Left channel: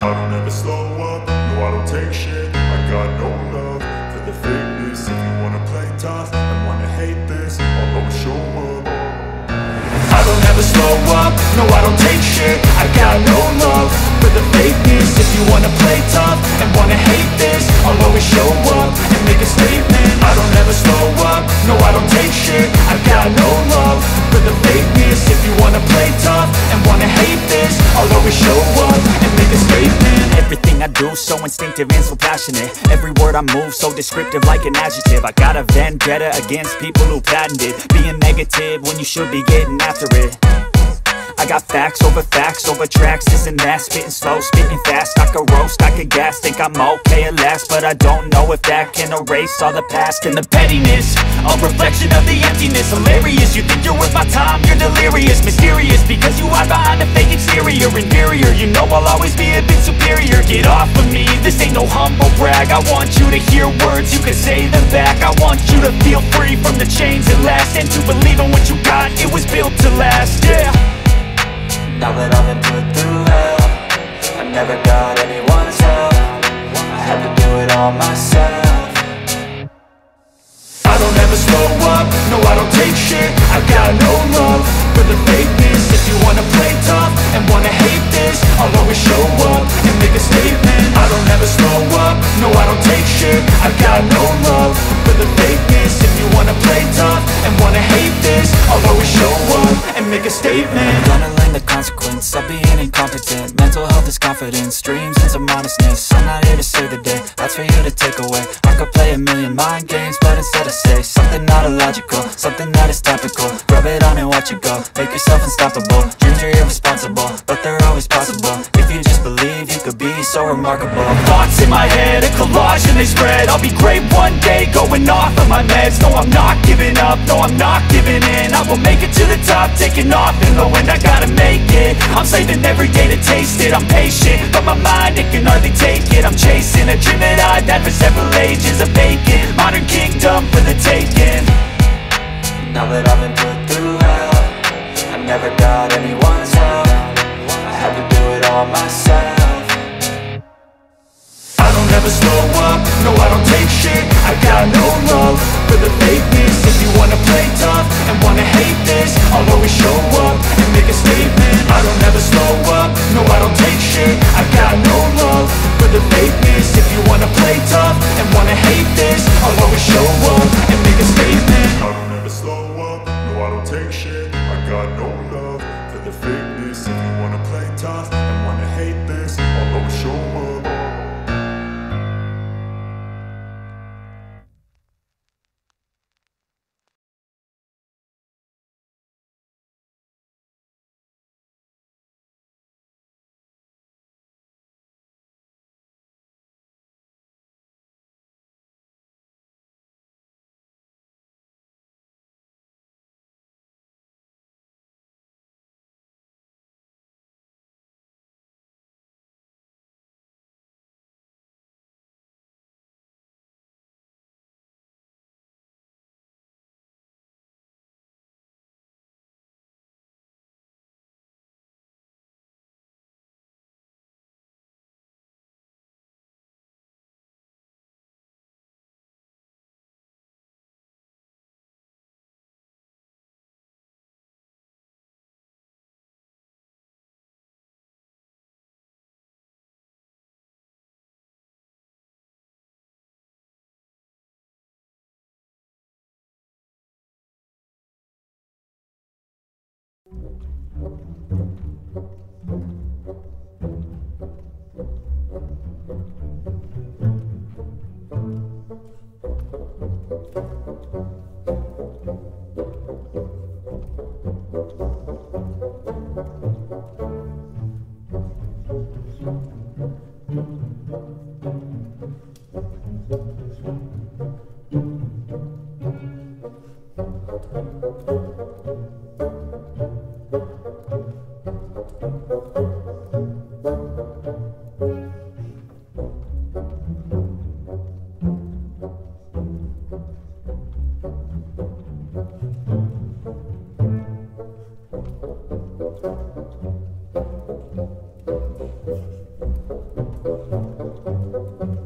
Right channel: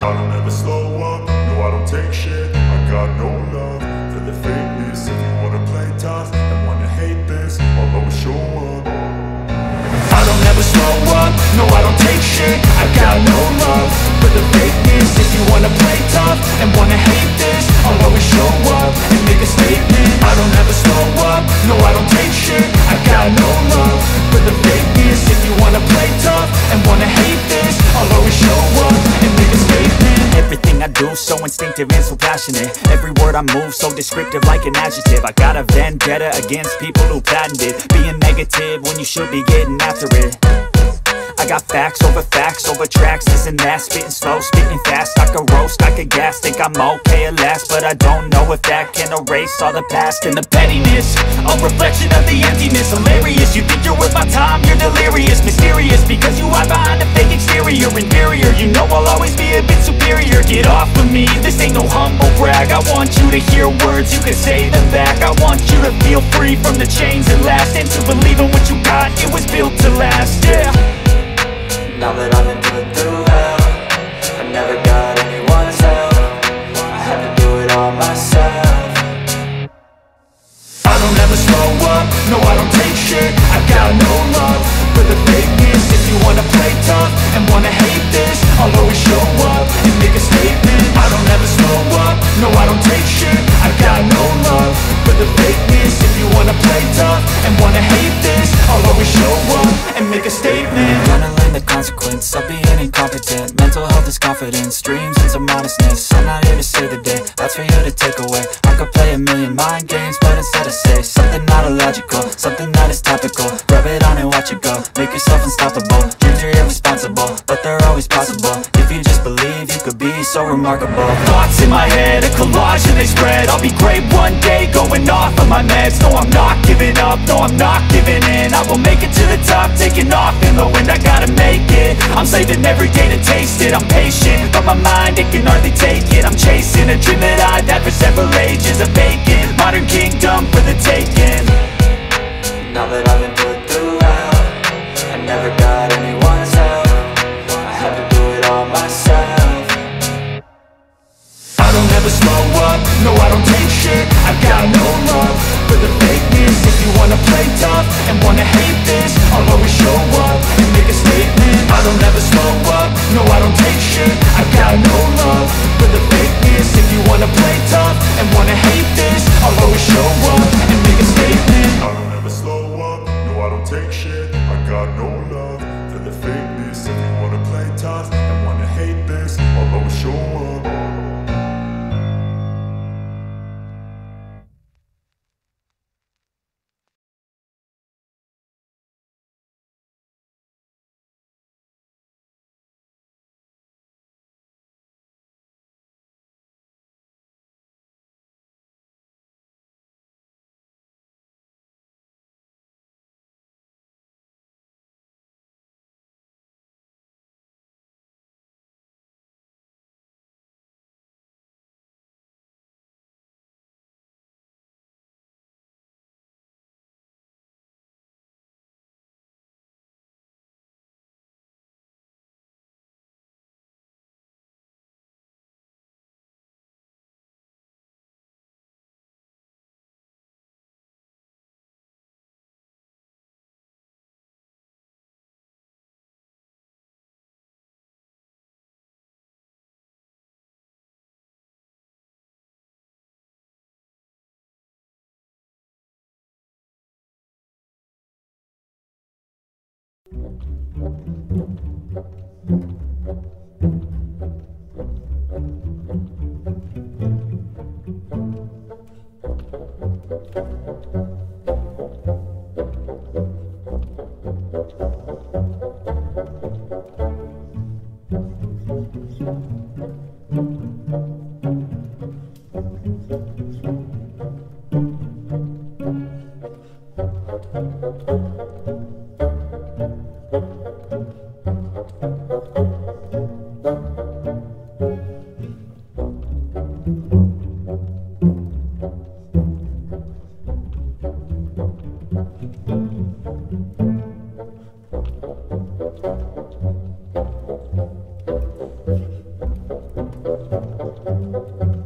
I don't ever slow up, no I don't take shit. I got no love for the fakeness. If you wanna play tough and wanna hate this, I'll always show up. I don't ever slow up, no I don't take shit. I got no love for the fakeness. If you wanna play tough and wanna hate this, I'll always show up and make a statement. I don't ever slow up, no I don't take shit. I got no love for the fakeness. If you wanna play tough and wanna hate this, I'll always show up and make a statement. Everything I do so instinctive and so passionate. Every word I move so descriptive like an adjective. I got a vendetta against people who patented being negative when you should be getting after it. I got facts over tracks, this and that. Spitting slow, spitting fast. I could roast, I could gas. Think I'm okay at last, but I don't know if that can erase all the past. And the pettiness, a reflection of the emptiness. Hilarious, you think you're worth my time, you're delirious. Mysterious, because you hide behind a fake exterior. Inferior, you know I'll always be a bit superior. Get off of me, this ain't no humble brag. I want you to hear words, you can say them back. I want you to feel free from the chains at last, and to believe in what you got, it was built to last, yeah. Now that I've been put through hell, I never got anyone's help. I had to do it all myself. I don't ever slow up, no I don't take shit. I got no love for the fakeness. If you wanna play tough and wanna hate this, I'll always show up and make a statement. I don't ever slow up, no I don't take shit. I got no love for the fakeness. If you wanna play tough and wanna hate this, I'll always show up and make a statement. Gonna learn the consequence of being incompetent. Mental health is confidence, dreams and some honestness. I'm not here to save the day, that's for you to take away. I could play a million mind games, but instead I say something not illogical, something that is topical. Rub it on and watch it go, make yourself unstoppable. Dreams are irresponsible, but they're always possible. If you just believe, you could be so remarkable. Thoughts in my head, a collage and they spread. I'll be great one day, going off of my meds. No, I'm not giving up, no, I'm not giving in. I will make it to the top, taking off in the wind. I gotta make it, I'm saving every day to taste it. I'm patient, but my mind, it can hardly take it. I'm chasing a dream that I've had for several ages. A vacant, modern kingdom for the taking. Now that I've been put through hell, I never got anyone's help. I had to do it all myself. I don't ever slow up, no I don't take shit. I got no love for the fakeness. If you wanna play tough and wanna hate this, I'll always show up and make a statement. I don't ever slow up, no I don't take shit. I got no love for the fakeness. If you wanna play tough and wanna hate this, I'll always show up and make a statement. I don't ever slow up, no I don't take shit. I got no love for the fakeness. If you wanna play tough and wanna hate this, I'll always show up. up.